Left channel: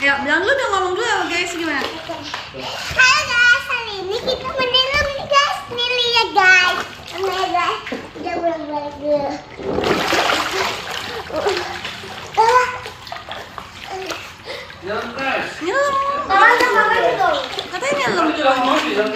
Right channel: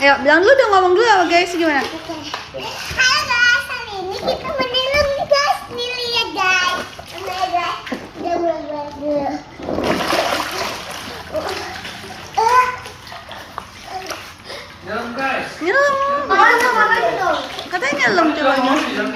Ayo, bilang dulu dong, ngomong dulu sama guys gimana? Oke. Halo guys, hari ini kita menyelam nih guys. Nih lihat guys. Oh my god. Dia balik dulu. Jalan guys. Nyelam. Mana sama itu? Katanya nyelam coba. Mau di dalam